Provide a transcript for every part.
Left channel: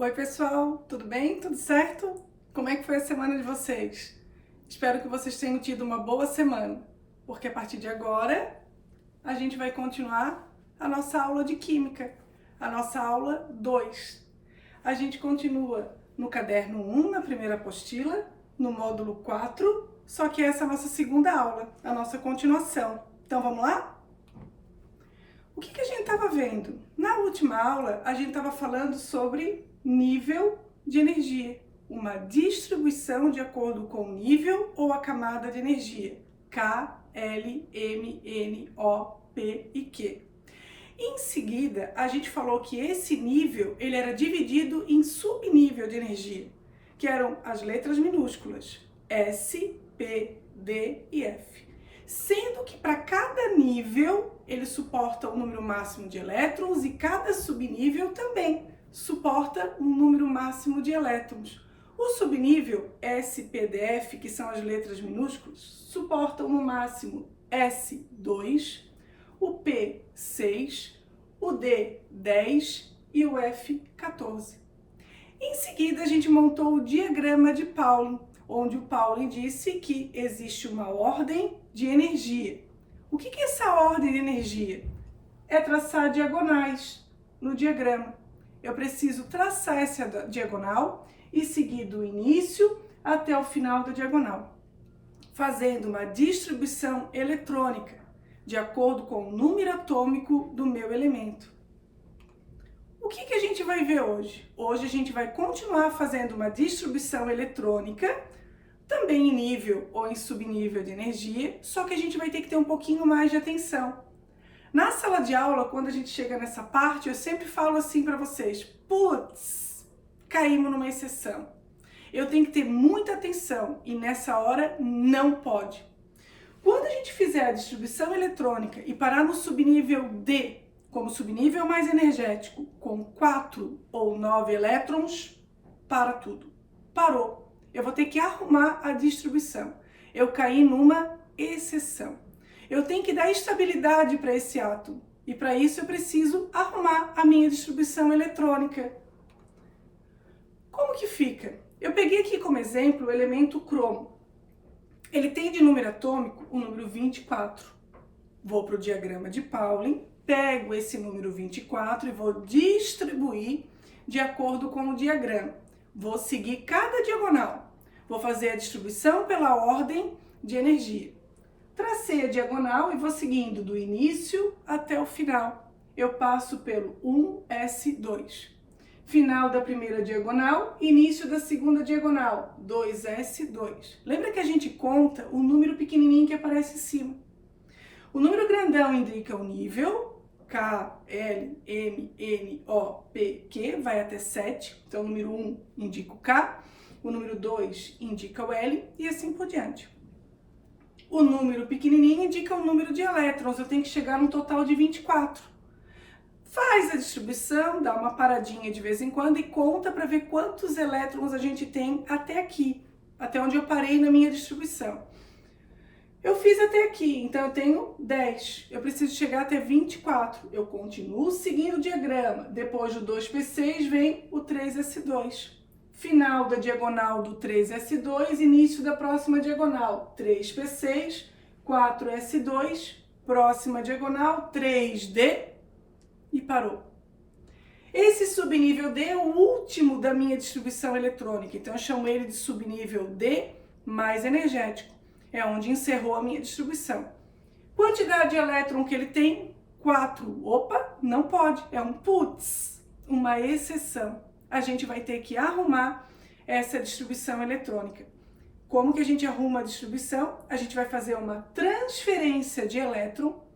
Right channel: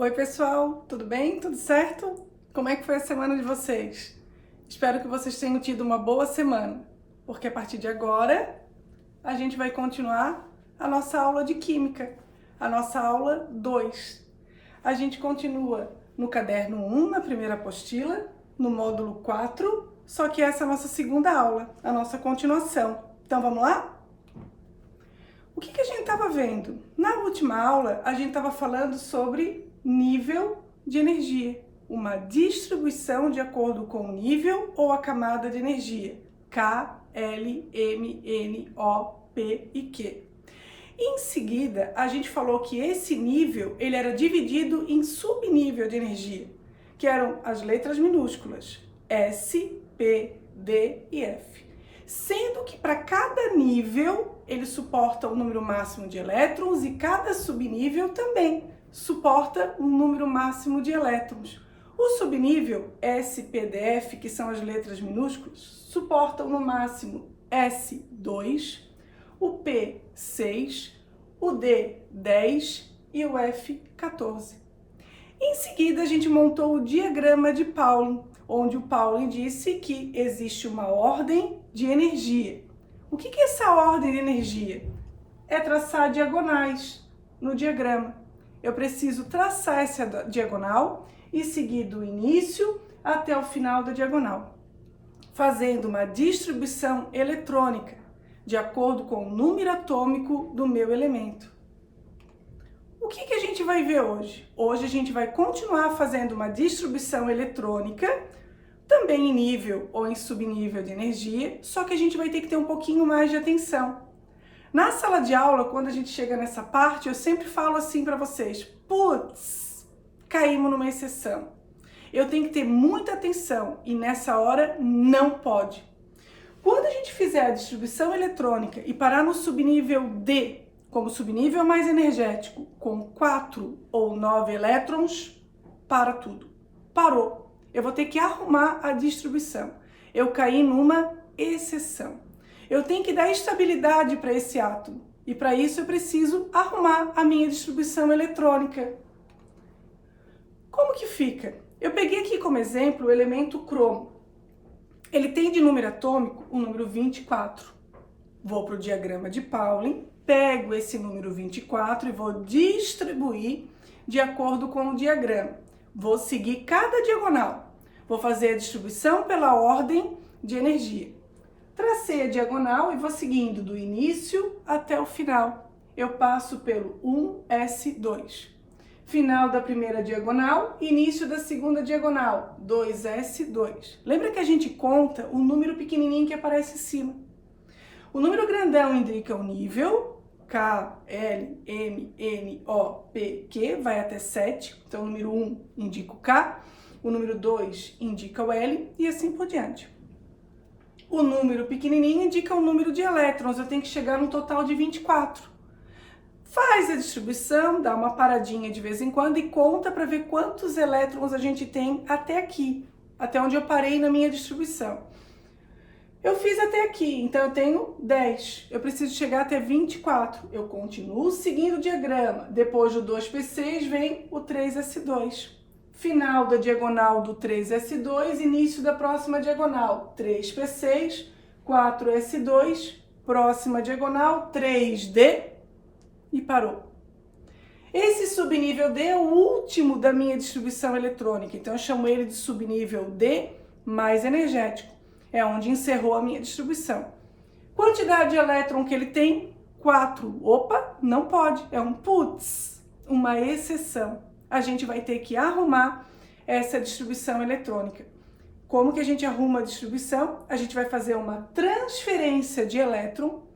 Oi pessoal, tudo bem? Tudo certo? Como é que foi a semana de vocês? Espero que vocês tenham tido uma boa semana, porque a partir de agora a gente vai continuar a nossa aula de Química, a nossa aula 2. A gente continua no caderno 1, na primeira apostila, no módulo 4, só que essa é a nossa segunda aula, a nossa continuação. Então vamos lá? O que a gente estava vendo? Na última aula, a gente estava falando sobre nível de energia, uma distribuição de acordo com o nível ou a camada de energia, K, L, M, N, O, P e Q. Em seguida, a gente falou que esse nível ele era dividido em subnível de energia, que eram as letras minúsculas, S, P, D e F. Sendo que para cada nível ele suporta um número máximo de elétrons e cada subnível também suporta um número máximo de elétrons. O subnível S, P, D, F, que são as letras minúsculas, suportam no máximo S2, o P 6, o D 10 e o F 14. Em seguida a gente montou o diagrama de Pauling, onde o Pauling disse que existe uma ordem de energia. O que é essa ordem de energia? É traçar diagonais no diagrama. Eu preciso traçar essa diagonal e seguir do início até o final da diagonal, fazendo uma distribuição eletrônica de acordo com o número atômico do meu elemento. O que a gente vai ver hoje? Hoje a gente vai continuar fazendo uma distribuição eletrônica, também em nível ou em subnível de energia, só que a gente vai ter que ter um pouquinho mais de atenção. Na sala de aula, quando a gente chega nessa parte, eu sempre falo assim para vocês: putz, caímos numa exceção. Eu tenho que ter muita atenção e nessa hora não pode. Quando a gente fizer a distribuição eletrônica e parar no subnível D, como subnível mais energético, com 4 ou 9 elétrons, para tudo. Parou. Eu vou ter que arrumar a distribuição. Eu caí numa exceção. Eu tenho que dar estabilidade para esse átomo. E para isso eu preciso arrumar a minha distribuição eletrônica. Como que fica? Eu peguei aqui como exemplo o elemento cromo. Ele tem de número atômico o número 24. Vou para o diagrama de Pauling, pego esse número 24 e vou distribuir de acordo com o diagrama. Vou seguir cada diagonal. Vou fazer a distribuição pela ordem de energia. Tracei a diagonal e vou seguindo do início até o final. Eu passo pelo 1S2. Final da primeira diagonal, início da segunda diagonal, 2S2. Lembra que a gente conta o número pequenininho que aparece em cima. O número grandão indica o nível, K, L, M, N, O, P, Q, vai até 7. Então, o número 1 indica o K, o número 2 indica o L e assim por diante. O número pequenininho indica o número de elétrons, eu tenho que chegar num total de 24. Faz a distribuição, dá uma paradinha de vez em quando e conta para ver quantos elétrons a gente tem até aqui, até onde eu parei na minha distribuição. Eu fiz até aqui, então eu tenho 10. Eu preciso chegar até 24. Eu continuo seguindo o diagrama. Depois do 2P6 vem o 3S2. Final da diagonal do 3S2, início da próxima diagonal. 3P6, 4S2, próxima diagonal, 3D e parou. Esse subnível D é o último da minha distribuição eletrônica, então eu chamo ele de subnível D mais energético. É onde encerrou a minha distribuição. Quantidade de elétron que ele tem? 4. Opa, não pode. É um putz, uma exceção. A gente vai ter que arrumar essa distribuição eletrônica. Como que a gente arruma a distribuição? A gente vai fazer uma transferência de elétron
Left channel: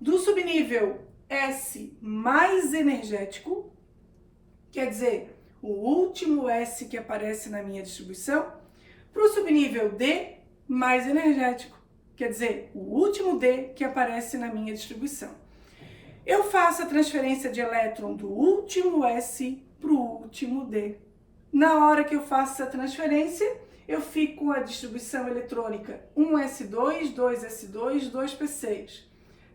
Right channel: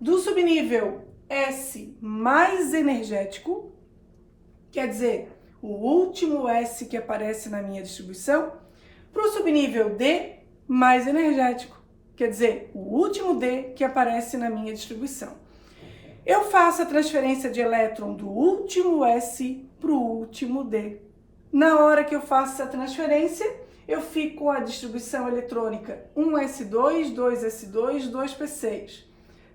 do subnível S mais energético, quer dizer, o último S que aparece na minha distribuição, para o subnível D mais energético, quer dizer, o último D que aparece na minha distribuição. Eu faço a transferência de elétron do último S para o último D. Na hora que eu faço essa transferência, eu fico com a distribuição eletrônica 1S2, 2S2, 2P6,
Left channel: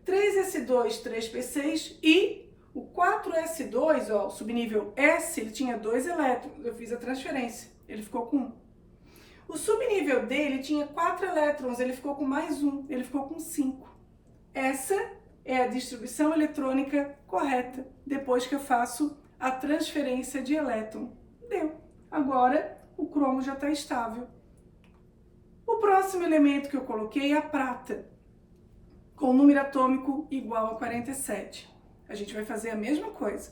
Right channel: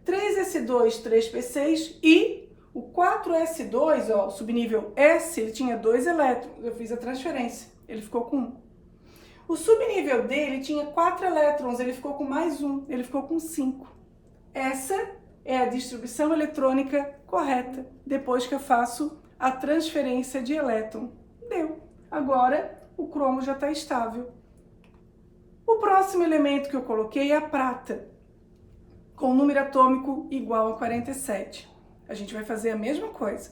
3S2, 3P6 e o 4s2, ó, o subnível S, ele tinha 2 elétrons. Eu fiz a transferência, ele ficou com 1. O subnível D, ele tinha 4 elétrons, ele ficou com mais 1, ele ficou com 5. Essa é a distribuição eletrônica correta, depois que eu faço a transferência de elétron. Deu. Agora, o cromo já está estável. O próximo elemento que eu coloquei é a prata, com o número atômico igual a 47. A gente vai fazer a mesma coisa.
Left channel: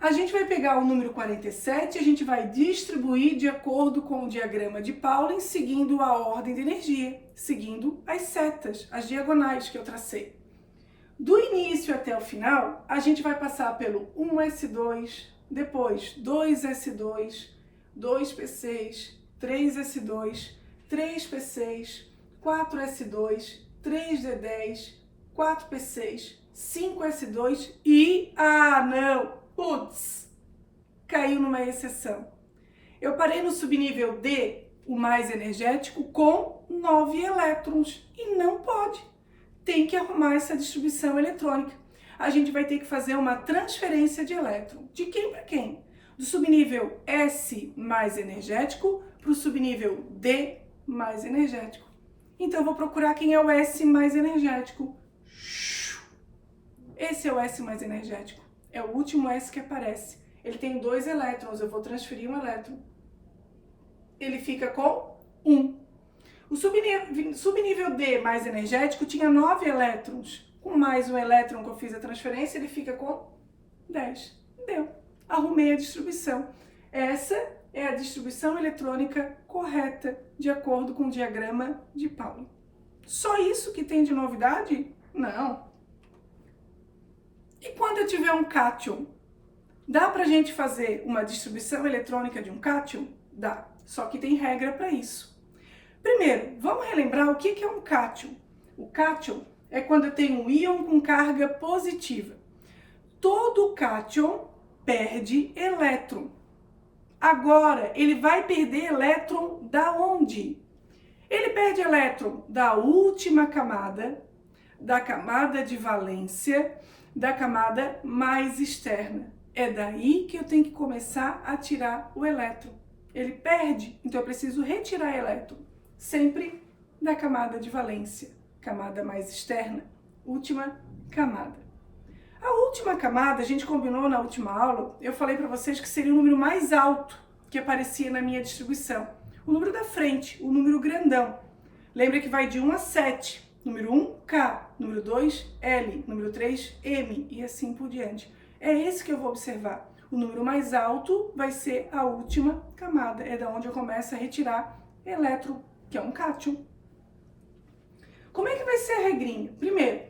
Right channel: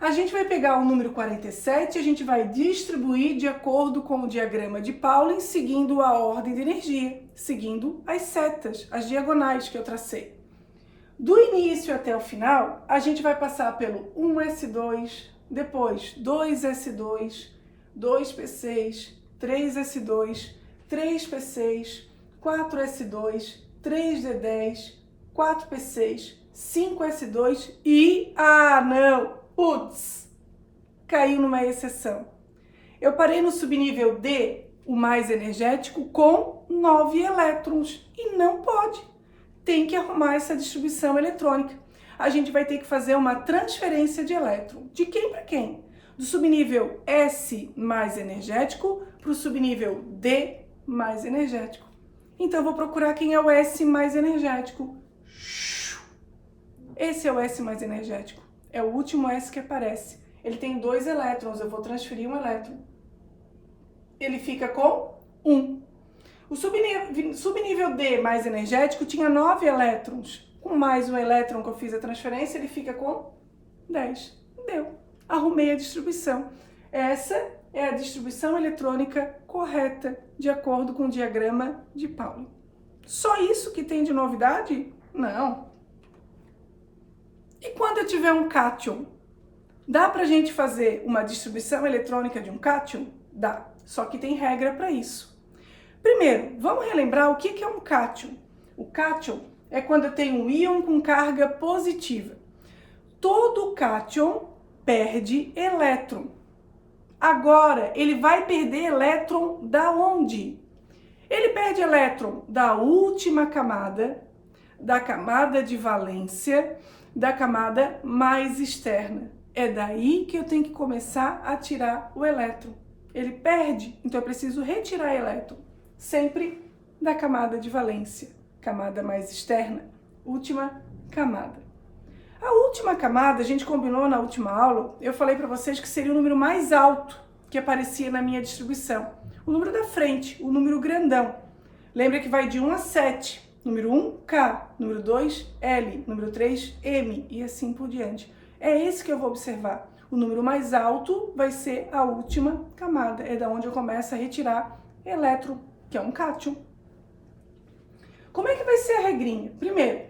A gente vai pegar o número 47 e a gente vai distribuir de acordo com o diagrama de Pauling, seguindo a ordem de energia, seguindo as setas, as diagonais que eu tracei. Do início até o final, a gente vai passar pelo 1s2, depois 2s2, 2p6, 3s2, 3p6, 4s2, 3d10, 4p6, 5s2 e... Putz! Caiu numa exceção. Eu parei no subnível D, o mais energético, com 9 elétrons. E não pode. Tem que arrumar essa distribuição eletrônica. A gente vai ter que fazer uma transferência de elétron. De quem para quem? Do subnível S mais energético para o subnível D mais energético. Então, eu vou procurar quem é o S mais energético. Esse é o S mais energético. É o último S que aparece. Ele tem 2 elétrons, eu vou transferir um elétron. Ele fica com 1. O subnível D mais energético tinha 9 elétrons. Com mais um elétron que eu fiz a transferência, ele fica com 10. Deu. Arrumei a distribuição. Essa é a distribuição eletrônica correta, de acordo com o diagrama de Pauling. Só isso que tem de novidade? Não. E quando eu tiver um cátion? Dá pra gente fazer uma distribuição eletrônica de um cátion? Dá, só que tem regra para isso. Primeiro, vamos relembrar o que é um cátion. O cátion é quando eu tenho um íon com carga positiva. Todo cátion perde elétron. Agora, ele vai perder elétron da onde? Ele perde elétron da última camada, da camada de valência, da camada mais externa. É daí que eu tenho que começar a tirar o elétron. Ele perde, então eu preciso retirar elétron. Sempre da camada de valência, camada mais externa, última camada. A última camada, a gente combinou na última aula, eu falei para vocês que seria o número mais alto que aparecia na minha distribuição. O número da frente, o número grandão. Lembra que vai de 1 a 7. Número 1, K. Número 2, L. Número 3, M. E assim por diante. É esse que eu vou observar. O número mais alto vai ser a última camada. É da onde eu começo a retirar elétron, que é um cátion. Como é que vai ser a regrinha? Primeiro,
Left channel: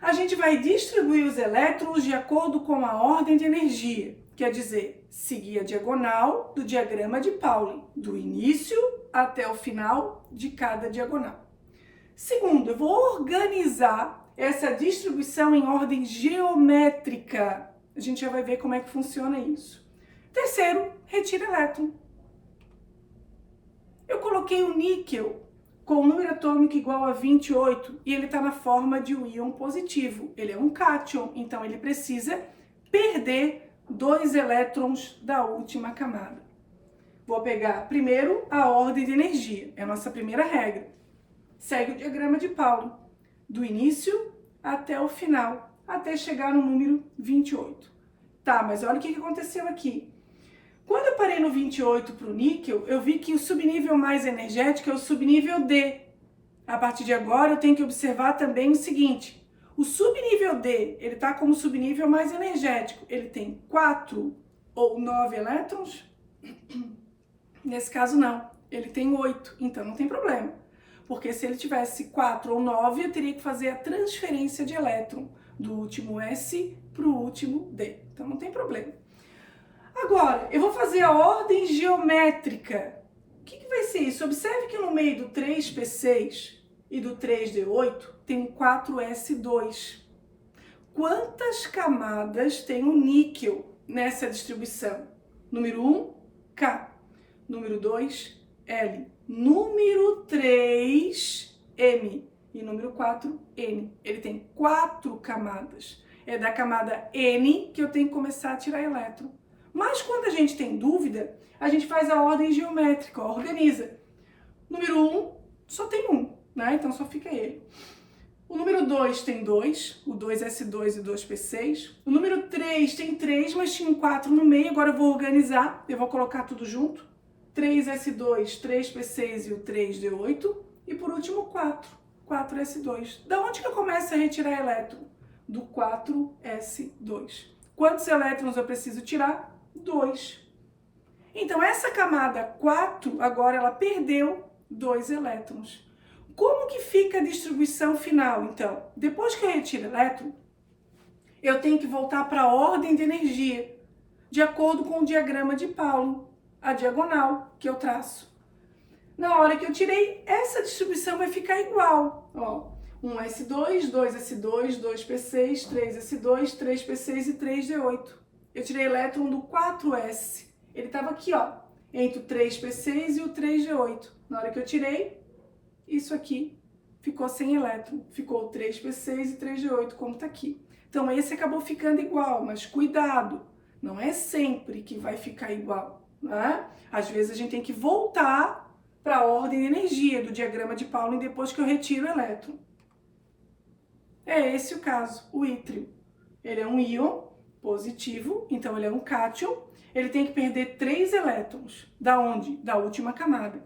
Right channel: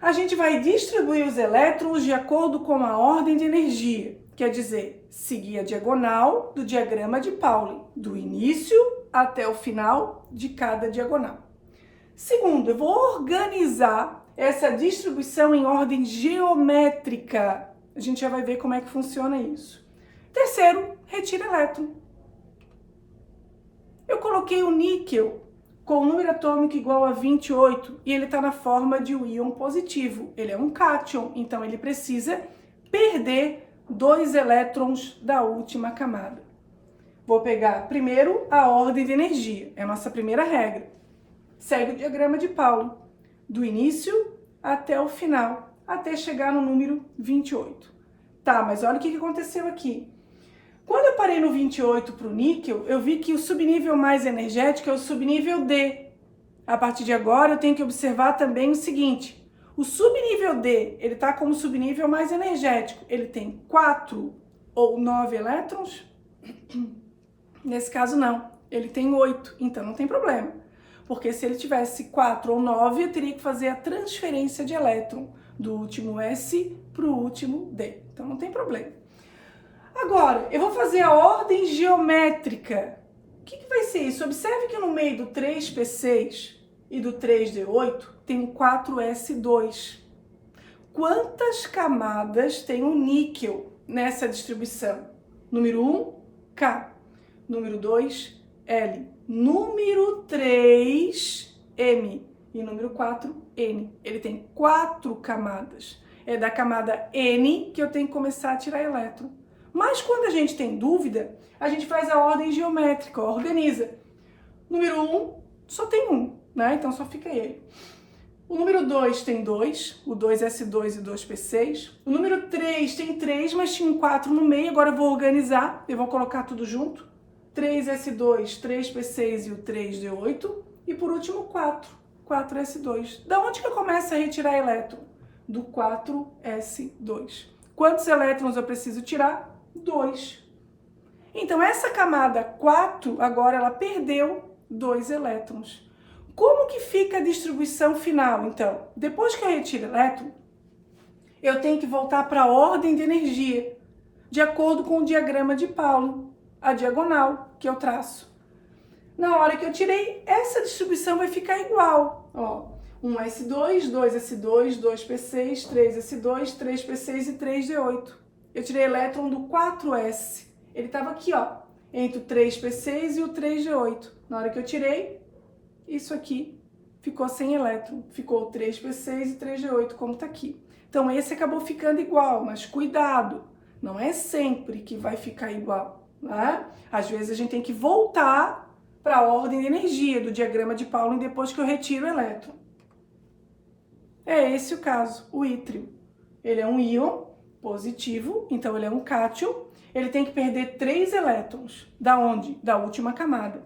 a gente vai distribuir os elétrons de acordo com a ordem de energia. Quer dizer, seguir a diagonal do diagrama de Pauling, do início até o final de cada diagonal. Segundo, eu vou organizar essa distribuição em ordem geométrica. A gente já vai ver como é que funciona isso. Terceiro, retira elétron. Eu coloquei o níquel com o número atômico igual a 28 e ele está na forma de um íon positivo. Ele é um cátion, então ele precisa perder 2 elétrons da última camada. Vou pegar primeiro a ordem de energia, é a nossa primeira regra. Segue o diagrama de Pauling, do início até o final, até chegar no número 28. Tá, mas olha o que aconteceu aqui. Quando eu parei no 28 para o níquel, eu vi que o subnível mais energético é o subnível D. A partir de agora, eu tenho que observar também o seguinte. O subnível D, ele está como subnível mais energético. Ele tem 4 ou 9 elétrons? Nesse caso, não. Ele tem 8, então não tem problema. Porque se ele tivesse 4 ou 9, eu teria que fazer a transferência de elétron do último S para o último D. Então não tem problema. Agora, eu vou fazer a ordem geométrica. O que vai ser isso? Observe que no meio do 3p6 e do 3d8 tem um 4s2. Quantas camadas tem o níquel nessa distribuição? Número 1, K. Número 2, L. Número 3, M. E número 4, N. Ele tem 4 camadas. é da camada N que eu tenho que começar a tirar elétron. Mas quando a gente tem dúvida, a gente faz a ordem geométrica, ó, organiza. Número 1, só tem 1, né? Então só fica ele. O número 2 tem 2, o 2S2 e o 2P6. O número 3 tem 3, mas tinha um 4 no meio, agora eu vou organizar, eu vou colocar tudo junto. 3S2, 3P6 e o 3D8. E por último, 4, 4S2. Da onde que eu começo a retirar elétron? Do 4S2. Quantos elétrons eu preciso tirar? 2. Então, essa camada 4, agora ela perdeu 2 elétrons. Como que fica a distribuição final, então? Depois que eu retiro elétron, eu tenho que voltar para a ordem de energia, de acordo com o diagrama de Pauling, a diagonal que eu traço. Na hora que eu tirei, essa distribuição vai ficar igual. Ó, 1S2, 2S2, 2P6, 3S2, 3P6 e 3D8. Eu tirei elétron do 4S. Ele estava aqui, ó, entre o 3P6 e o 3D8. Na hora que eu tirei, isso aqui ficou sem elétron. Ficou o 3P6 e 3D8, como está aqui. Então, esse acabou ficando igual, mas cuidado, não é sempre que vai ficar igual, né? Às vezes a gente tem que voltar para a ordem de energia do diagrama de Pauling depois que eu retiro o elétron. É esse o caso, o ítrio. Ele é um íon positivo, então ele é um cátion. Ele tem que perder 3 elétrons. Da onde? Da última camada.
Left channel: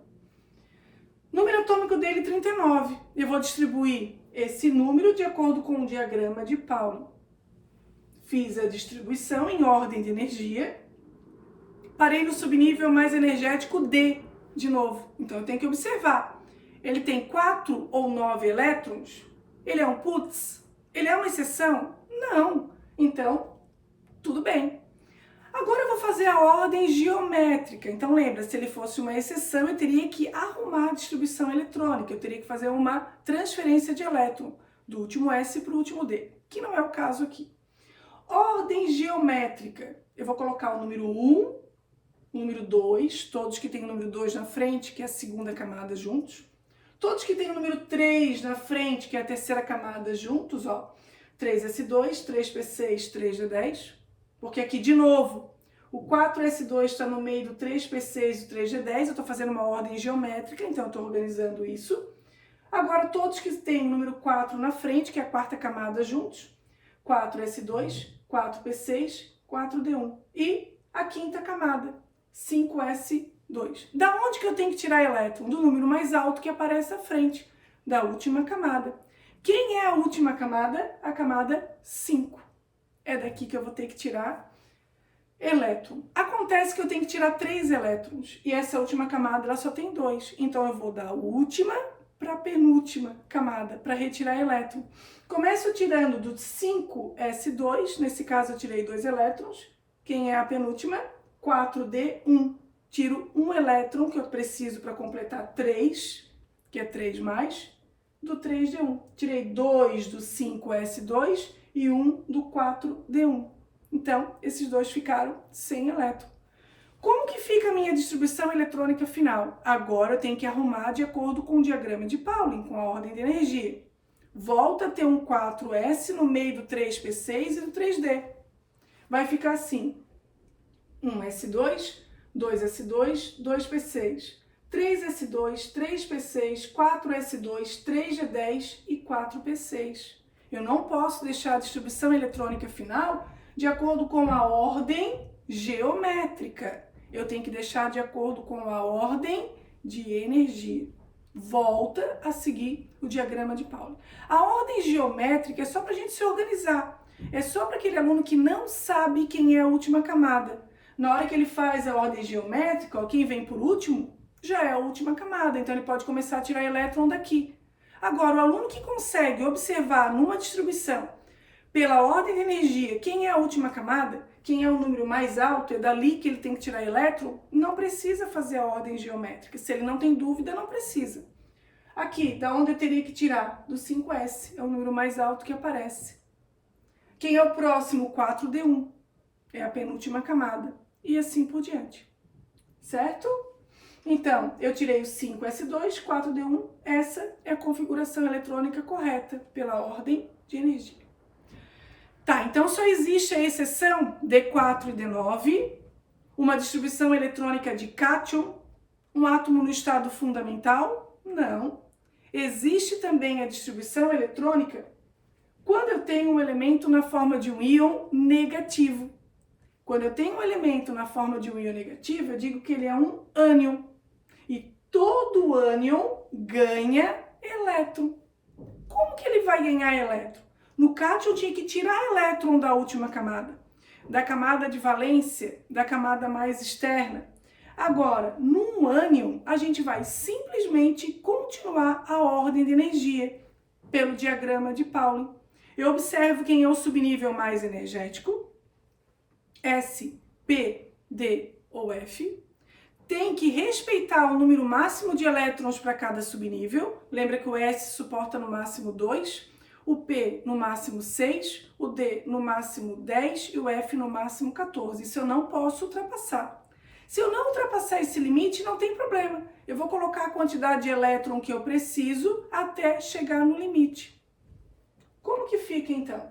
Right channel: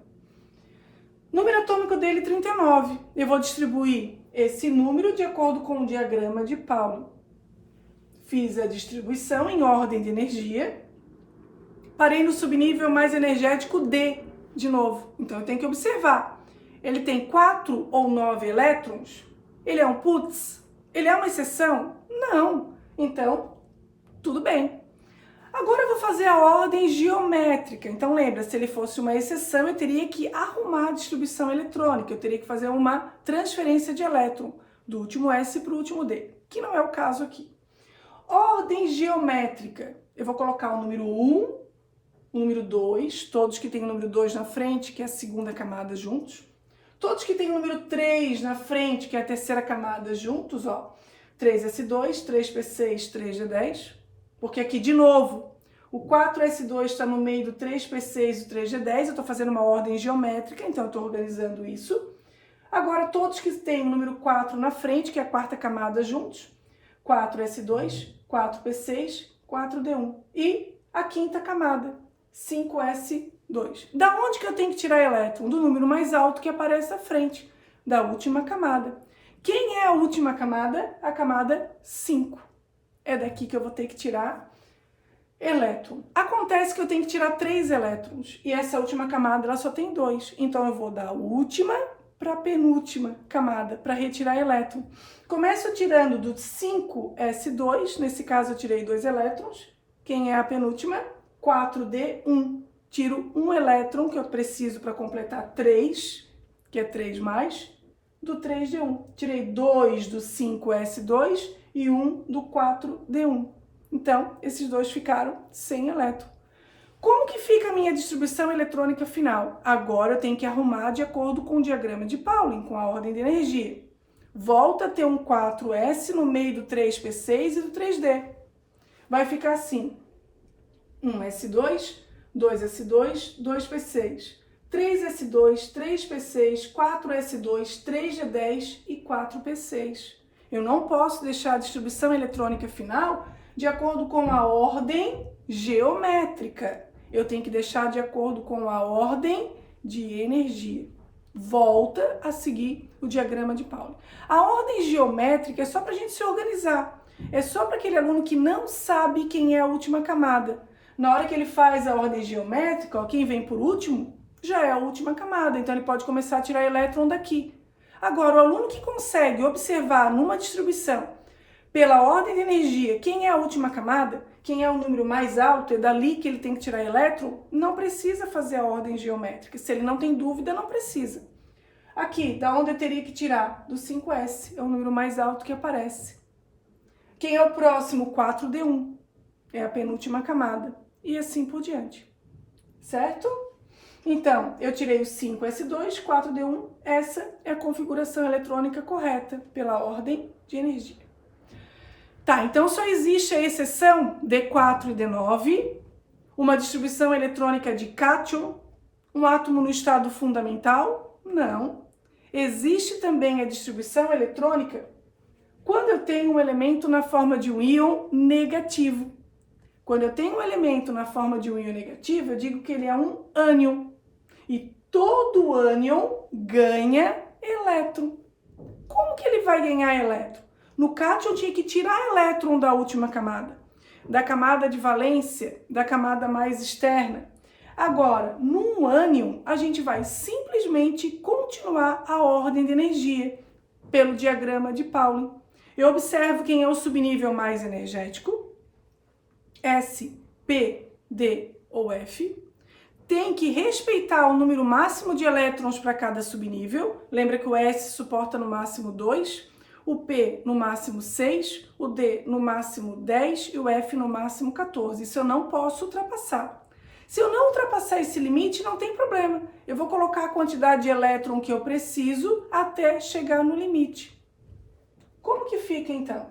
Número atômico dele, 39. Eu vou distribuir esse número de acordo com o diagrama de Pauling. Fiz a distribuição em ordem de energia. Parei no subnível mais energético D, de novo. Então, eu tenho que observar. Ele tem 4 ou 9 elétrons? Ele é um putz? Ele é uma exceção? Não. Então, tudo bem. Agora eu vou fazer a ordem geométrica. Então lembra, se ele fosse uma exceção, eu teria que arrumar a distribuição eletrônica. Eu teria que fazer uma transferência de elétron do último S para o último D, que não é o caso aqui. Ordem geométrica. Eu vou colocar o número 1, o número 2, todos que têm o número 2 na frente, que é a segunda camada, juntos. Todos que têm o número 3 na frente, que é a terceira camada, juntos, ó. 3S2, 3P6, 3D10. Porque aqui, de novo, o 4S2 está no meio do 3P6 e o 3G10. Eu estou fazendo uma ordem geométrica, então eu estou organizando isso. Agora, todos que têm o número 4 na frente, que é a quarta camada, juntos. 4S2, 4P6, 4D1. E a quinta camada, 5S2. Da onde que eu tenho que tirar elétron? Do número mais alto que aparece à frente, da última camada. Quem é a última camada? A camada 5. É daqui que eu vou ter que tirar elétron. Acontece que eu tenho que tirar 3 elétrons. E essa última camada, ela só tem 2. Então, eu vou da última para a penúltima camada, para retirar elétron. Começo tirando do 5S2. Nesse caso, eu tirei 2 elétrons. Quem é a penúltima? 4D1. Tiro 1 elétron, que eu preciso para completar 3, que é 3 mais, do 3D1. Tirei 2 do 5S2 e 1 do 4D1. Então, esses dois ficaram sem elétron. Como que fica a minha distribuição eletrônica final? Agora eu tenho que arrumar de acordo com o diagrama de Pauling, com a ordem de energia. Volta a ter um 4S no meio do 3P6 e do 3D. Vai ficar assim: 1S2, 2S2, 2P6, 3S2, 3P6, 4S2, 3G10 e 4P6. Eu não posso deixar a distribuição eletrônica final de acordo com a ordem geométrica. Eu tenho que deixar de acordo com a ordem de energia. Volta a seguir o diagrama de Pauling. A ordem geométrica é só para a gente se organizar. É só para aquele aluno que não sabe quem é a última camada. Na hora que ele faz a ordem geométrica, ó, quem vem por último já é a última camada. Então, ele pode começar a tirar elétron daqui. Agora, o aluno que consegue observar numa distribuição, pela ordem de energia, quem é a última camada, quem é o número mais alto, é dali que ele tem que tirar elétron, não precisa fazer a ordem geométrica. Se ele não tem dúvida, não precisa. Aqui, da onde eu teria que tirar? Do 5S, é o número mais alto que aparece. Quem é o próximo? 4D1, é a penúltima camada. E assim por diante. Certo? Então, eu tirei o 5S2, 4D1, essa é a configuração eletrônica correta pela ordem de energia. Tá, então só existe a exceção D4 e D9, uma distribuição eletrônica de cátion, um átomo no estado fundamental? Não. Existe também a distribuição eletrônica quando eu tenho um elemento na forma de um íon negativo. Quando eu tenho um elemento na forma de um íon negativo, eu digo que ele é um ânion. E todo ânion ganha elétron. Como que ele vai ganhar elétron? No cátion tinha que tirar elétron da última camada, da camada de valência, da camada mais externa. Agora, num ânion, a gente vai simplesmente continuar a ordem de energia pelo diagrama de Pauling. Eu observo quem é o subnível mais energético, S, P, D ou F. Tem que respeitar o número máximo de elétrons para cada subnível. Lembra que o S suporta no máximo 2, o P no máximo 6, o D no máximo 10 e o F no máximo 14. Isso eu não posso ultrapassar. Se eu não ultrapassar esse limite, não tem problema. Eu vou colocar a quantidade de elétron que eu preciso até chegar no limite. Como que fica então?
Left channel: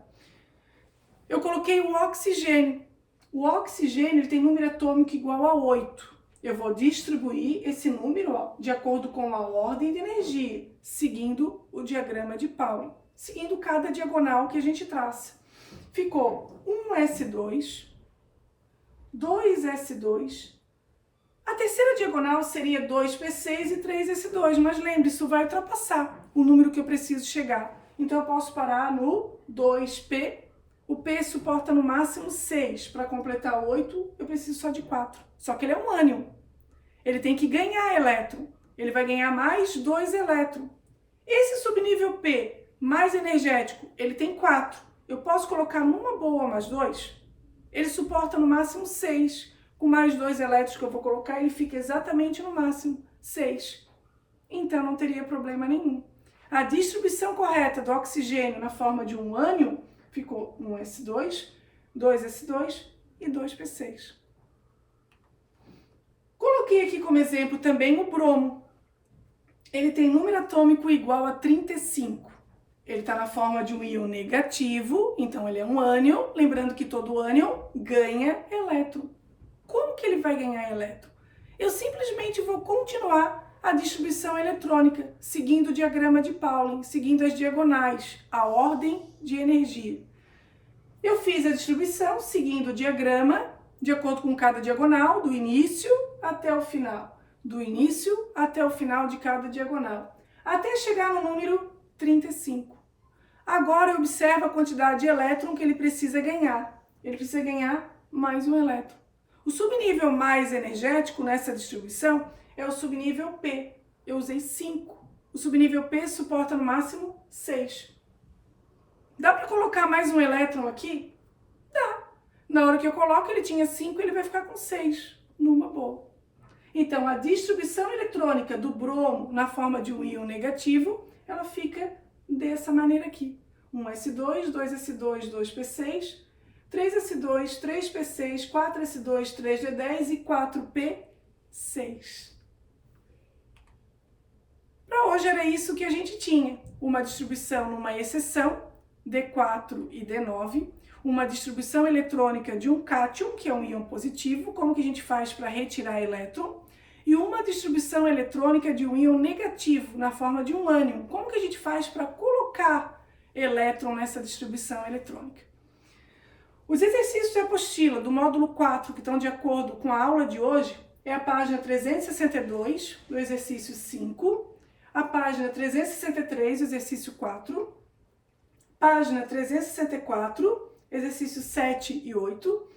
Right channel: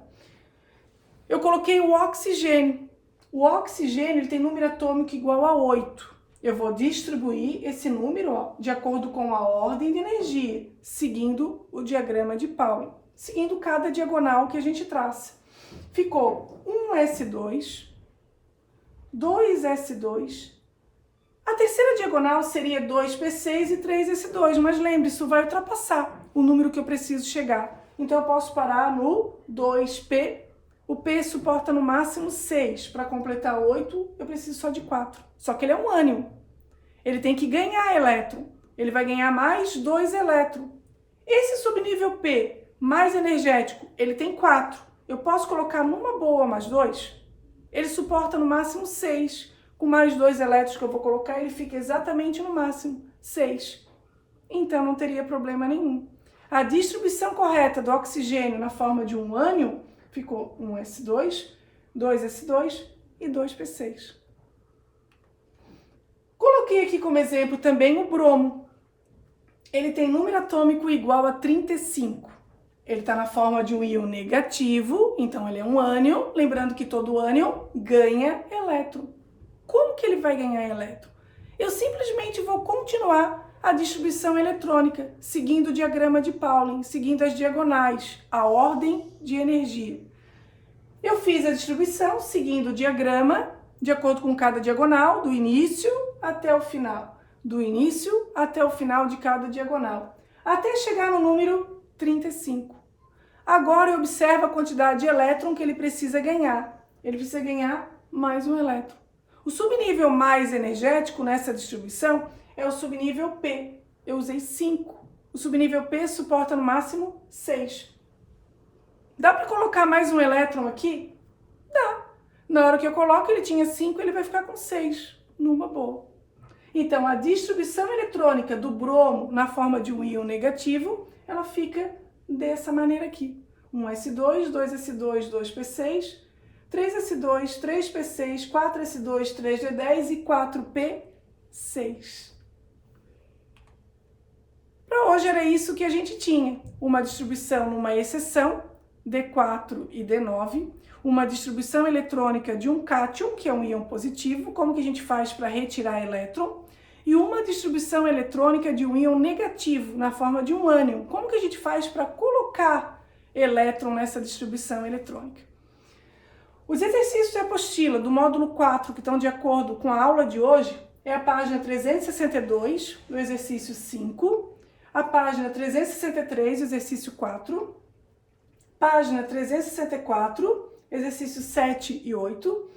Eu coloquei o oxigênio. O oxigênio ele tem número atômico igual a 8. Eu vou distribuir esse número de acordo com a ordem de energia, seguindo o diagrama de Pauling, seguindo cada diagonal que a gente traça. Ficou 1s2, 2s2. A terceira diagonal seria 2p6 e 3s2, mas lembre, isso vai ultrapassar o número que eu preciso chegar. Então eu posso parar no 2p. O P suporta no máximo 6. Para completar 8, eu preciso só de 4. Só que ele é um ânion. Ele tem que ganhar elétron. Ele vai ganhar mais 2 elétrons. Esse subnível P, mais energético, ele tem 4. Eu posso colocar numa boa mais 2? Ele suporta no máximo 6. Com mais 2 elétrons que eu vou colocar, ele fica exatamente no máximo 6. Então não teria problema nenhum. A distribuição correta do oxigênio na forma de um ânion ficou 1s2, 2s2 e 2p6. Coloquei aqui como exemplo também o bromo. Ele tem número atômico igual a 35. Ele está na forma de um íon negativo, então ele é um ânion. Lembrando que todo ânion ganha elétron. Como que ele vai ganhar elétron? Eu simplesmente vou continuar a distribuição eletrônica, seguindo o diagrama de Pauling, seguindo as diagonais, a ordem de energia. Eu fiz a distribuição seguindo o diagrama, de acordo com cada diagonal, do início até o final. Do início até o final de cada diagonal, até chegar no número 35. Agora eu observo a quantidade de elétron que ele precisa ganhar. Ele precisa ganhar mais um elétron. O subnível mais energético nessa distribuição é o subnível P. Eu usei 5. O subnível P suporta no máximo 6. Dá para colocar mais um elétron aqui? Dá. Na hora que eu coloco, ele tinha 5, ele vai ficar com 6, numa boa. Então, a distribuição eletrônica do bromo na forma de um íon negativo, ela fica dessa maneira aqui. 1s2, 2s2, 2p6, 3s2, 3p6, 4s2, 3d10 e 4p6. Para hoje era isso que a gente tinha. Uma distribuição numa exceção, D4 e D9, uma distribuição eletrônica de um cátion, que é um íon positivo, como que a gente faz para retirar elétron, e uma distribuição eletrônica de um íon negativo, na forma de um ânion. Como que a gente faz para colocar elétron nessa distribuição eletrônica? Os exercícios de apostila do módulo 4, que estão de acordo com a aula de hoje, é a página 362, do exercício 5, a página 363, exercício 4, página 364, exercício 7 e 8,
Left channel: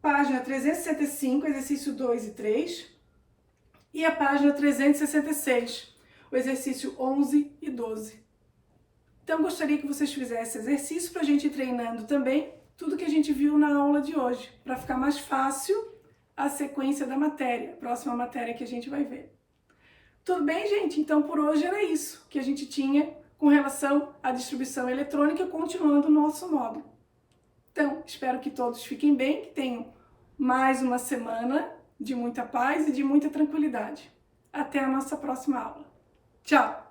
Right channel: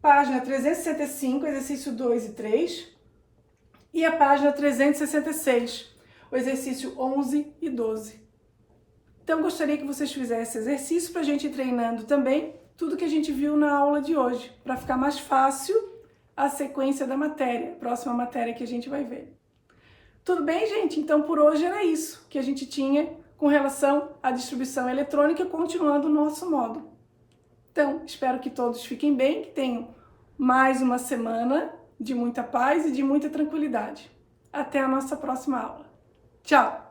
página 365, exercício 2 e 3, e a página 366, o exercício 11 e 12. Então, gostaria que vocês fizessem exercício para a gente ir treinando também tudo que a gente viu na aula de hoje, para ficar mais fácil a sequência da matéria, próxima matéria que a gente vai ver. Tudo bem, gente? Então, por hoje era isso que a gente tinha com relação à distribuição eletrônica, continuando o nosso módulo. Então, espero que todos fiquem bem, que tenham mais uma semana de muita paz e de muita tranquilidade. Até a nossa próxima aula. Tchau!